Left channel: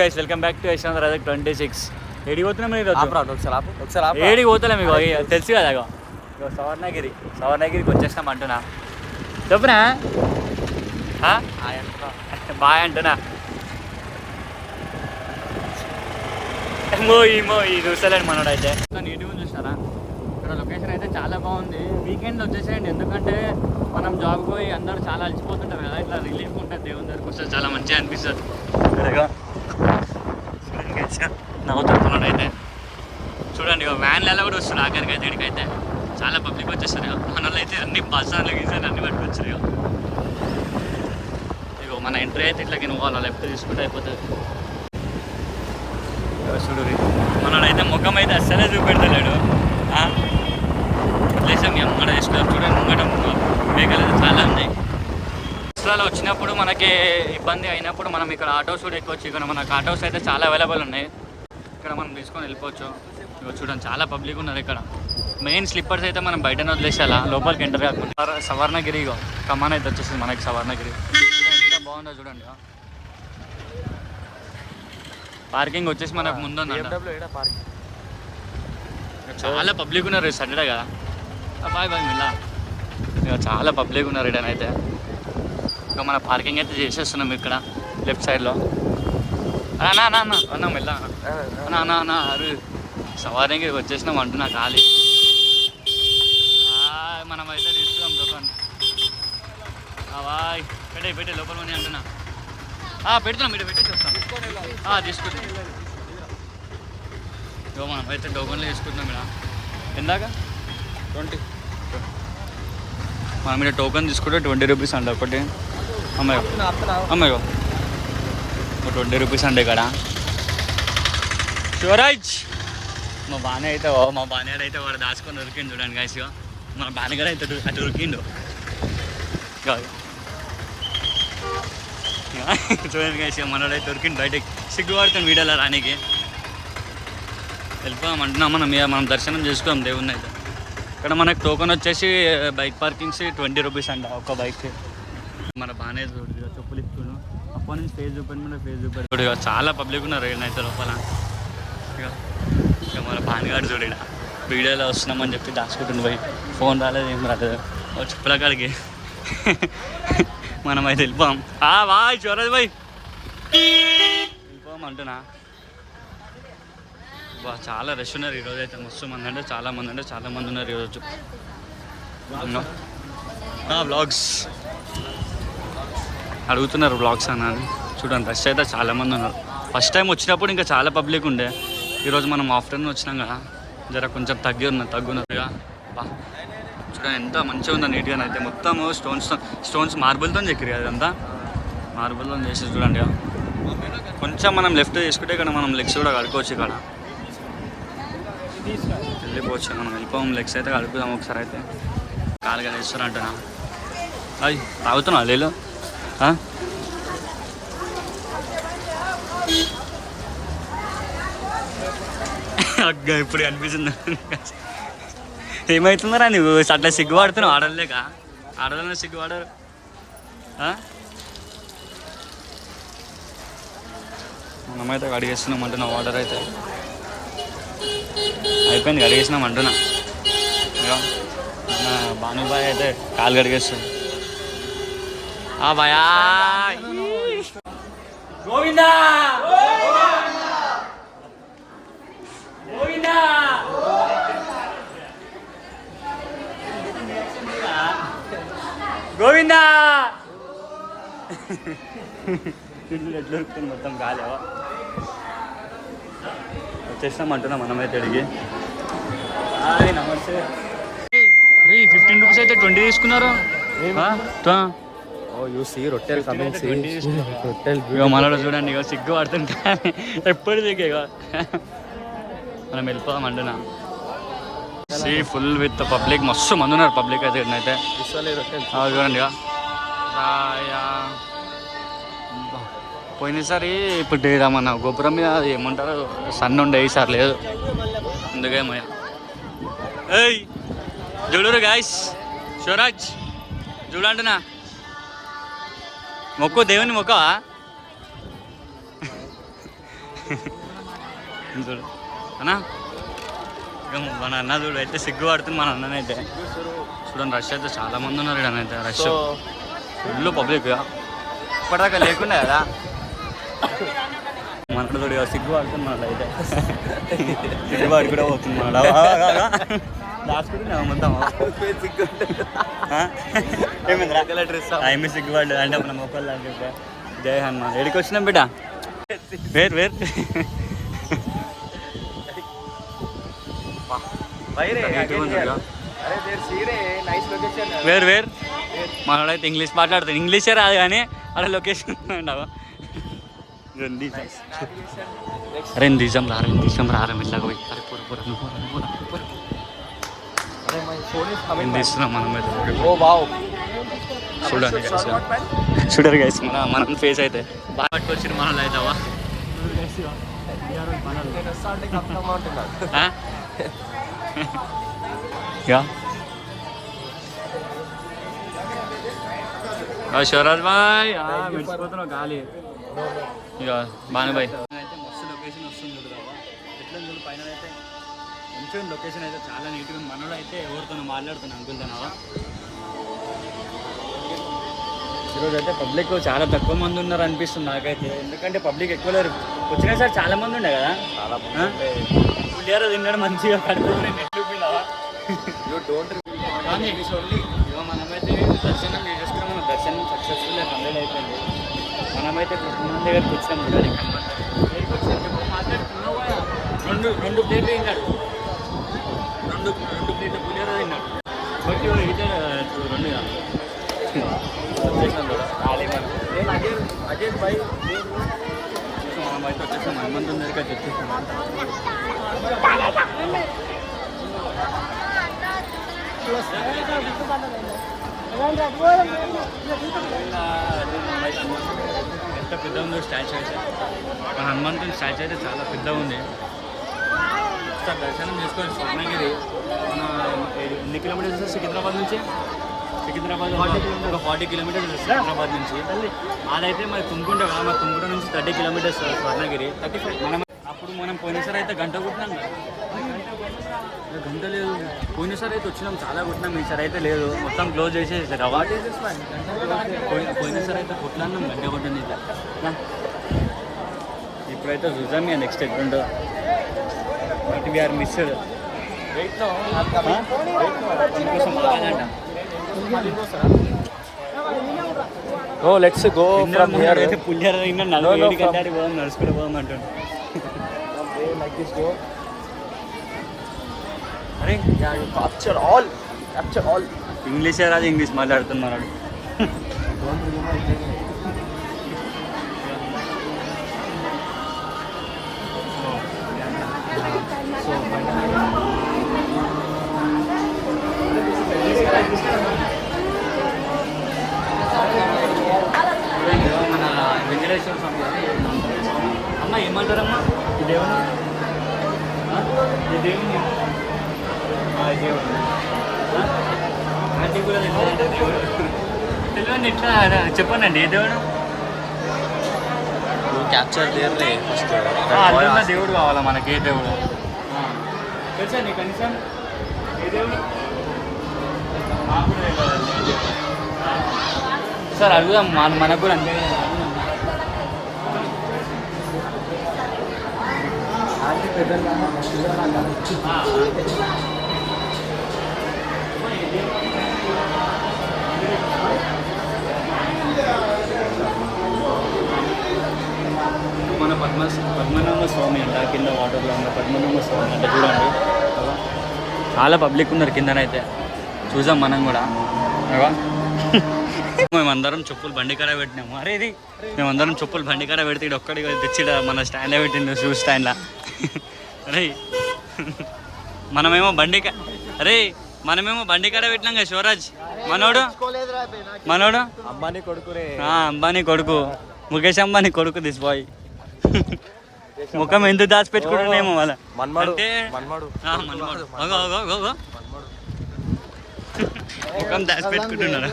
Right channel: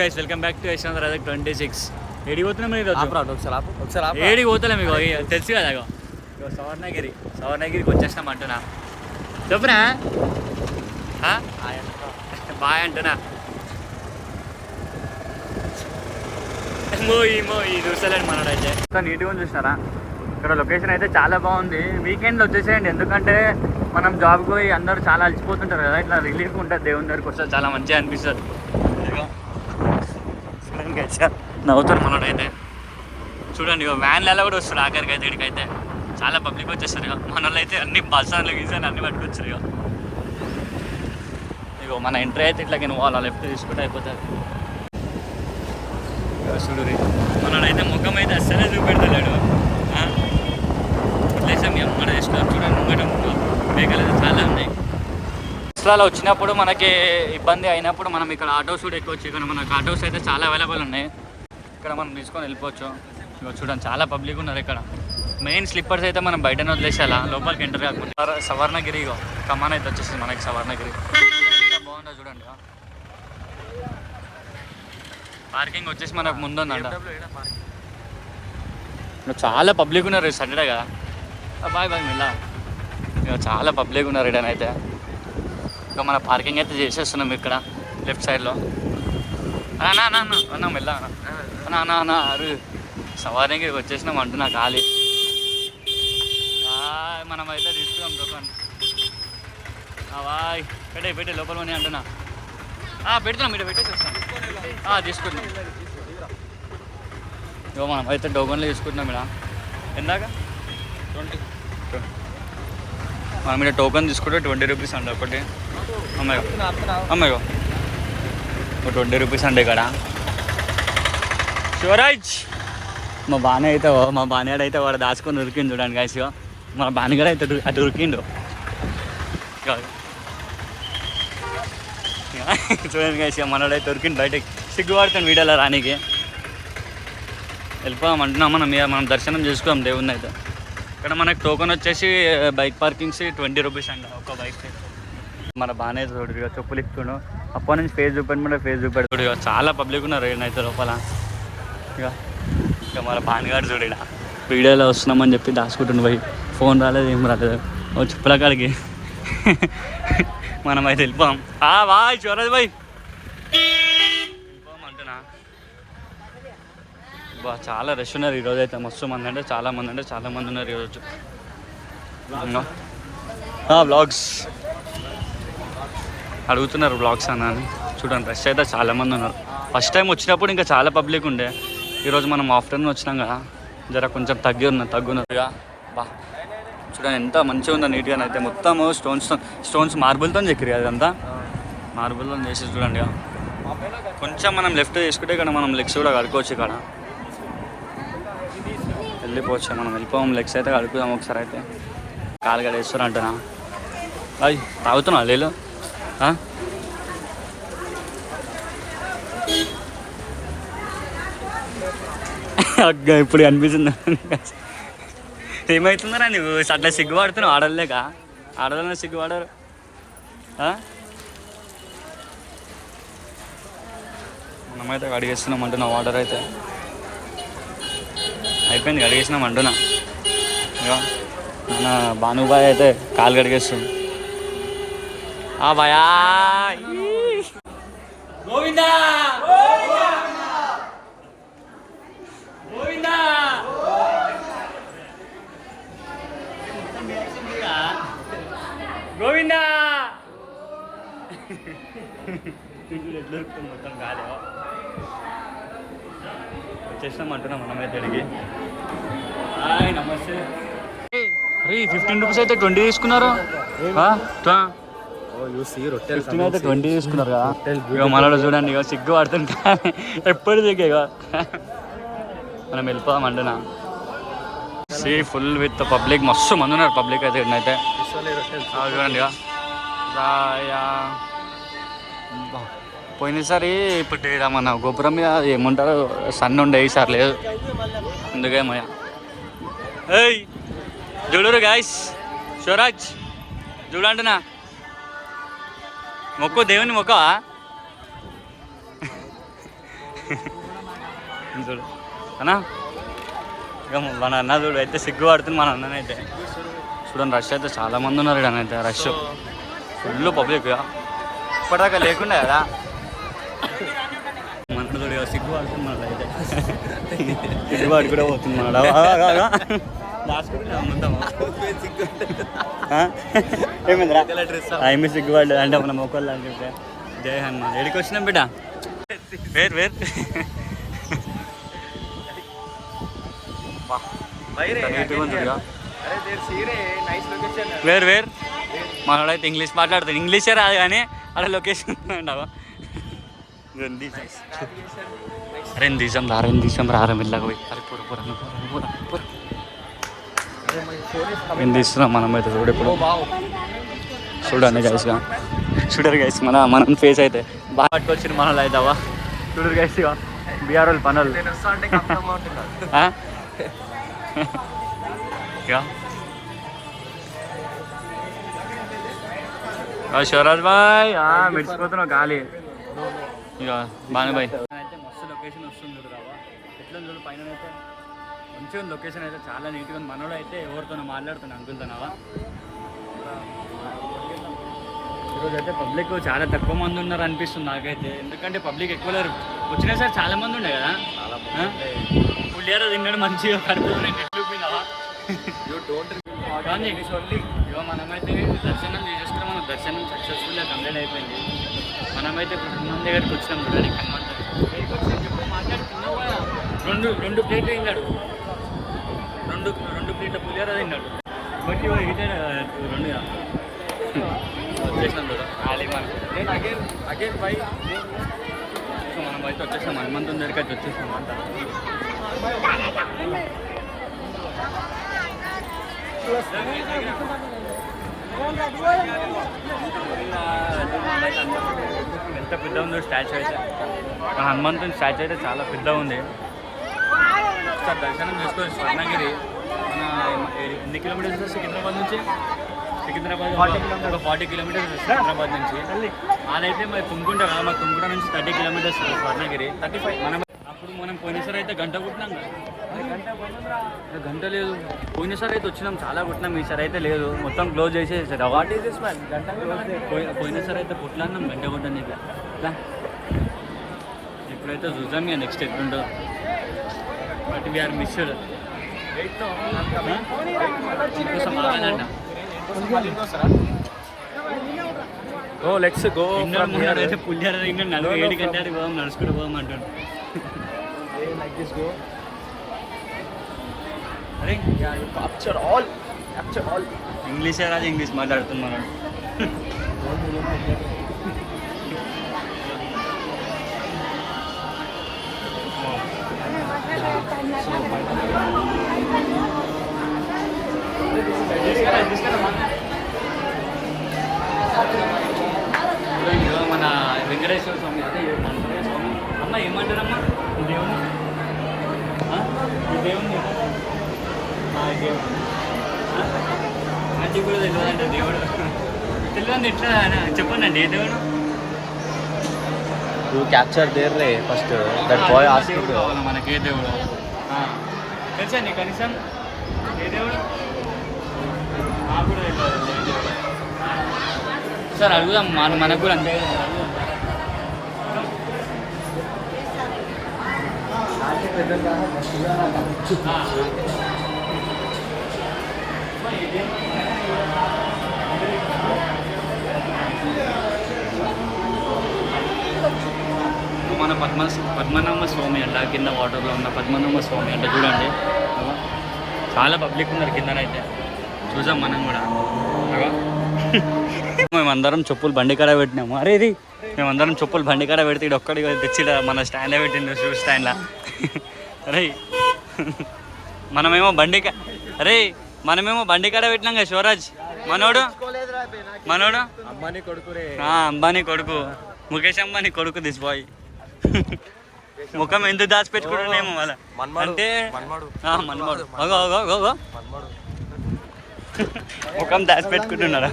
Guys welcome back to Yashwant Rajak 26. ఏడికి పోతున్నాం మీరు ఒకసారి ఏడికి పోతలే మీకు తెలుసు కదా సవర్ణగిరికి వచ్చేస్తాం అంటున్నా చెప్పునా బాయ్ అంటున్నా మోయి చూస్తలేండి మనోడు అయితే నీట్గా చూసినారా. ఇక్కడ లొకేషన్ అయితే చాలా బాగుంది. వీకెండ్లో వచ్చేసేయండి, ఎందుకంటే మనం జాబ్కి పోయి అందరూ చాలా అలసిపోతుంటారు కదా, ఇట్లా రిలీఫ్ ఉంటుంది. దేవుని దగ్గరికి వస్తే చాలా మంచిగా అనిపిస్తుంది. నవ్వుతారు మనోడైతే చూడండి. వ్యాన్లలో కూడా వస్తారు ఆఖరికి అయితే. ఇక్కడికైతే చాలా పబ్లిక్ వచ్చేస్తారు. మన వాళ్ళు అయితే అన్ని బస్సాలు గీసాలు అన్ని పట్టుకొచ్చారు. ఇగో మన ఎంట్రీ అయితే ఇట్లా నువ్వు వాళ్ళ లెఫ్ట్ తీసుకుంటే అయిపోతుంది. చూడు మనోడైతే ముఖం అయితే అస్సలే చూపెట్టలేడు. లేసం ముంగట వేసుకున్నారు చూడండి. ముంగట మేకలు చాలా ఉన్నాయి. బస్సులలో వచ్చినప్పుడు మనకి ఇబ్బంది అయినప్పుడు మనం ఇక్కడ ఆటోస్ కూడా ఎక్కొచ్చు. ఇక్కడ మనకు ఆటోస్ అయితే చాలా అవైలబుల్ ఉన్నాయి. ఇక్కడ మనం తీసుకొని వెళ్ళిపోవచ్చు. ఇక చూడండి చాలా పబ్లిక్ ఉన్నారు ఇక్కడ. మెయిన్ స్లిప్పర్స్ అయితే మనం బయటనే వదిలేసేలా, లోపలికి ఎంటర్ కాకుండా. సవర్ణగిరి ఇగో కమాన్ అయితే వచ్చేసింది మనకి. సవర్ణగిరి ఎంత బాగుందో చూడండి. పార్కింగ్ వచ్చేసి మనకు ముందు చాలా పబ్లిక్ ఉన్నారు. సాటర్డే కదా. బాయ్ మిల్లా ఇక చాలా పబ్లిక్ ఉన్నారు ఇడనైతే. ఇక మన పార్కింగ్ అయితే చేసేస్తున్నాం ఇక్కడ లెఫ్ట్ సైడ్లో. అన్నా మెల్లా అన్నా అరే సవారికి వచ్చేసినాం అంటున్నా ఖాళీ. మనం అయితే తీసుకున్నాం దుకాణం. బాయ్ పెట్టే లోపల మనీ అంటున్నా. పెడుతున్నాం ఇక్కడ పెట్టేసి వస్తాం. తీసుకుంటున్నాం. ఇగో మనం అయితే డోగన్లో తీసుకుంటున్నాం. ఇక్కడ ఎందాక 20 మనం ఇక్కడ టోకన్ తీసుకుంటే 20 రూపీస్ అండి ఒకటి. అమ్మాయి 20 రూపీస్ అండి ఇక్కడ. శివరాజ్ మా బాణాడు అయితే వాడు దాచుకొని ఉరికిండు చూడండి గాయస్. మా బాణగారు అయితే అటు ఉరికిండు చూడండి గాయస్. మనోడైతే ఉరికిండు బయటకి. సిగ్గుపడుతుంది వీడియోలో రానికి. వెళ్ళిపోదాం అంటున్నాం. మనం దర్శనం చేసుకోం దేవుణ్ణి అయితే. ఇక్కడ మనకు టోకెన్ వచ్చేసి బైక్ పార్కింగ్స్ 20 రూపీస్ అండి ఒక బైక్. మన బాగానే చూడు చెప్పులు ఇస్తుండు. అప్పటి నుంచి ఫేస్ చూపెట్టమంటే ఫేస్ చూపెడతాడు. ఇక చాలా పబ్లిక్ ఉన్నారు అయితే లోపల. ఇక మన బాణగాడు చూడు ఇక్కడ వీడియోలో వస్తున్నామని చెప్పి దాచుకుంటుంది. పోయి ఫోన్ రాలేదు ఏం రాలేదు. చెప్పుల కాడికి మనం అయితే వెళ్ళిపోం. బాయ్ చూడదు బాయ్ వెళ్ళిపోం అంటున్నా. చాలా రష్ ఉన్నారు ఈరోజు అయితే. మస్తు మంది అంటే చాలా మంది ఉన్నారు ఈరోజు. వ్లాగ్స్ అడుగుతున్నారు వ్లాగ్స్ అని. చూడండి రష్ అయితే చాలా మంది ఉన్నారు. ఫస్ట్ టైం వచ్చినప్పుడు ఇంకా చాలా పబ్లిక్ ఉండే. ఈరోజు మనం ఆఫ్టర్నూన్ వచ్చినాం కదా, జర కొంచెం తగ్గున్నారు ఇక. చూడండి ఎంత మంచిగా ఉందో నీట్గా అయితే. మొత్తం స్టోన్స్ మార్బుల్తో చెక్కిరు. అదంతా మార్బుల్తో చేసి చూడండి. కొంచెం మనం లెఫ్ట్ తీసుకుంటే ఇక్కడ మనం లెగ్స్ కూడా కడుక్కోవచ్చు. ఇక్కడ వెళ్ళిపోవచ్చు. మనం వెళ్ళిపోం లెగ్స్ అయితే కడుపుదాం ఒకసారి అయితే. కాలు గడేస్తారు అంటున్నా. అయ్యి తాగుతున్నా లేదు అగ్గ ఇప్పుడు అనిపిస్తుంది. ఏమవుతుందరా నువ్వు అట్లా సిగ్గుపడుతున్నావు? ఆడలేక ఆడలనే సిగ్గుపడారు. మనమైతే అడిగేస్తున్నాం అంటున్నా. వాటర్ అయితే అయిపోయింది, కడిగేసినాం అంటున్నా. ఇక మన భానుబాయ్ అయితే కాలు కడిగేస్తుంది. భయా గోవిందా గోవిందా గోవిందా మొత్తం కాలేవా వచ్చేసినాం అంటున్నా మనమైతే అడిగి. నమస్తే. 15 రూపీస్ అయితే 20 తీసుకున్నారు. అయితే 20 తీసుకున్నారు కదా. మనలో చూడండి ఇక సిగ్గు పడుతుంది. ఎప్పుడు దిగే ఇక మనం వెళ్ళిపోదాం అంటున్నా. ఫుల్ విత్ పబ్లిక్, మస్తు మంది ఉన్నారు పబ్లిక్ అయితే. ఇక్కడైతే చూడండి ఇక పోయినసారి ఇప్పుడు మన గోపురం మీద ఏముంటారు సన్ ఉండే, ఈసారి లేదు. అందుకేమో చూడరు గాయస్. శివరాజ్ చూడంటున్నా. మొక్కు దేవుని మొక్క చూడు అన్నా, ఇక మన అన్న చూడు అయితే సిగ్గుపడుతుంది మన అన్ననైతే. చూడండి రష్ అయితే చాలా మంది ఉన్నారు ఇక్కడ అయితే, రష్ ఫుల్ పబ్లిక్. ఇప్పటిదాకా లేకుండా కదా మన చూడు సిగ్గుపడుతుంది మన అయితే. సిగ్గుపడి కూడా పోతుంది మన దాచుకుంటున్నావు మొత్తం. ఏమి సిగ్గుపడలేదు అంటే మనం ఒకళ్ళు అంటుంటే. జై హనుమాన్. ఎడికి వచ్చినాం బిడ్డ? వేరు వేరు నీట్గా ఉంటుందిగా. వేరు వేరు మనోడైతే ఇంగ్లీష్ మాట్లాడుతాడు. ఇంగ్లీషే రాదు కానీ అలా లొకేషన్ ఉండవా. అరే దిశం రారా మెల్లగా పోయి. అరే పూర పూర పూర పూర ఏం తీస్తున్నాం మనమైతే చూడు. చూడండి గైస్గా, చూడరు గైస్ మనం ఫేస్ అయితే బాగా పట్టుకొచ్చింది మనలో అయితే. అవ్వ చూడరు గైస్, బీఆర్ వాళ్ళు పనులు. శివరాజ్ బాయ్ మెడిసిపోతున్నావు గాలి. ఇక బానుబాయ్ అయితే మస్తు లొకేషన్ వస్తుంది చూడు రావా. ఎట్లా చూడు పైన అయితే మంచిగా లొకేషన్ అయితే చాలా నీట్గా ఉంది. మనోడు అయితే ఎవరితోనో మాట్లాడుతున్నాను అంకుల్తోనావా. ఈరోజు అయితే పబ్లిక్ చాలా తక్కువ మంది ఉన్నారు అనిపిస్తుంది నాకైతే, ఎందుకంటే పబ్లిక్ ఎక్కువ లేరు. వచ్చినా సార్ చాలా మంది ఉండే కదా. పులిహార తిన్నాడు మంచిగా కడుపులోనే నెట్లుపోయినావా. కానీ ఇక మనమైతే దర్శనం చేసుకున్నాం. మన దర్శనం సక్సెస్ఫుల్గా కంప్లీట్ అయిపోయింది. మనమైతే ఇప్పుడు హనుమాన్ దగ్గరికి వచ్చినాం చూడండి. హనుమాన్ దగ్గర మాట్లాడుతున్నావా. రెండు ప్లేట్లు తిన్నాడు, రెండు ప్లేట్ల పులిహార తిన్నాడు. రెండు వచ్చేసాం చూడ ఖాళీ మనం. మనం అయితే వచ్చేసాం హనుమంతుని దగ్గరికి అయితే వచ్చేసాం అంతా. ఎంత పెద్ద ఉందో స్టాచ్యూ అయితే. మన హనుమంతుని స్టాచ్యూ అయితే చాలా పెద్దగా ఉంది. ఒకసారి దర్శనం చేసుకోవాలి. స్వర్ణగిరి మన ఎన్ని కిలోమీటర్స్ సార్ సికింద్రాబాద్ నుంచి? సికింద్రాబాద్ 40 కిలోమీటర్స్ సికింద్రాబాద్ నుంచి. అదైతే మరి తుమ్కుంట కదా, మరి తుమ్కుంట నుంచి 30 కిలోమీటర్స్ స్వర్ణగిరి 35. అప్పుడు మనం పోయినసారి అయితే గంట కుట్టినాం కదా. గంట లేదు, పోయినసారి అయితే వచ్చినాం చాలా కుట్టినాం. ఈసారి అయితే లేదు, మొత్తం క్లోజ్ చేసేసారు. పోయినసారి అయితే కుట్లాన్నాం గంట కొట్టండి. ఇప్పుడైతే చూద్దాం ఇక నెక్స్ట్ ఎట్లుంటుందో. But we are missed. దీనికోసం ఆగాలంట. ఓ లెట్స్ గో. ముందు అయితే పులిహార 47 గంటలు పోదాం, నడుచుకుంటూ పోదాం అంటుండు. అరే క్యాప్చర్ ఆల్ ఇంగ్లీషే రాదు, ఇంగ్లీష్ మాట్లాడుతున్నాను. సో మన వెంకటేశ్వర స్వామి అమ్మ ఏమంటారమ్మా ఈ దేవుని? ఈ దేవుని ఆంటీ కూడా తెలియదంటే దేవుడు తెలియదండి. ఎట్లా చెప్పండి ఏ దేవుడు? క్యాప్చర్ దేవుడు ఫస్ట్. దేవుడు కావాలా మనకి? ఏ దేవుడు తెలుసా నీకు కనీసం? ఏ దేవుడు కూడా తెలియదు. సార్ అడుగుదాం, మనకు కూడా అంతే. మన పద్మనాభ స్వామి అంట, కింద వాటర్లో ఉన్న పద్మనాభ స్వామి అంట. చూడండి చాలా పబ్లిక్ ఉన్నారు కిందనైతే. చూసాం మనం కూడా. మేమందరం చెప్పులు బండికాడ పెట్టినాము. అరే ఇది మేమందరం చెప్పులు బండికాడ పెడితే ఇది ఒక్కడికి తెచ్చిడ మన స్టాండ్లో పెట్టిండు, షూ స్టాండ్లో. అరే మనమేమో బండికాడ పెట్టినాం కదా శివరాజ్. మనోడు అంబానీ కొడుకు రే. అంబానీ కొడుకు, ముఖేష్ అంబానీ కొడుకు. దిస్ బాయ్ ముఖం ఎందుకు దాచిపెట్టుకుంటున్నామో వాళ్ళ అంటే మన్మడు ముఖం దాచిపెట్టుకుంటున్నారా?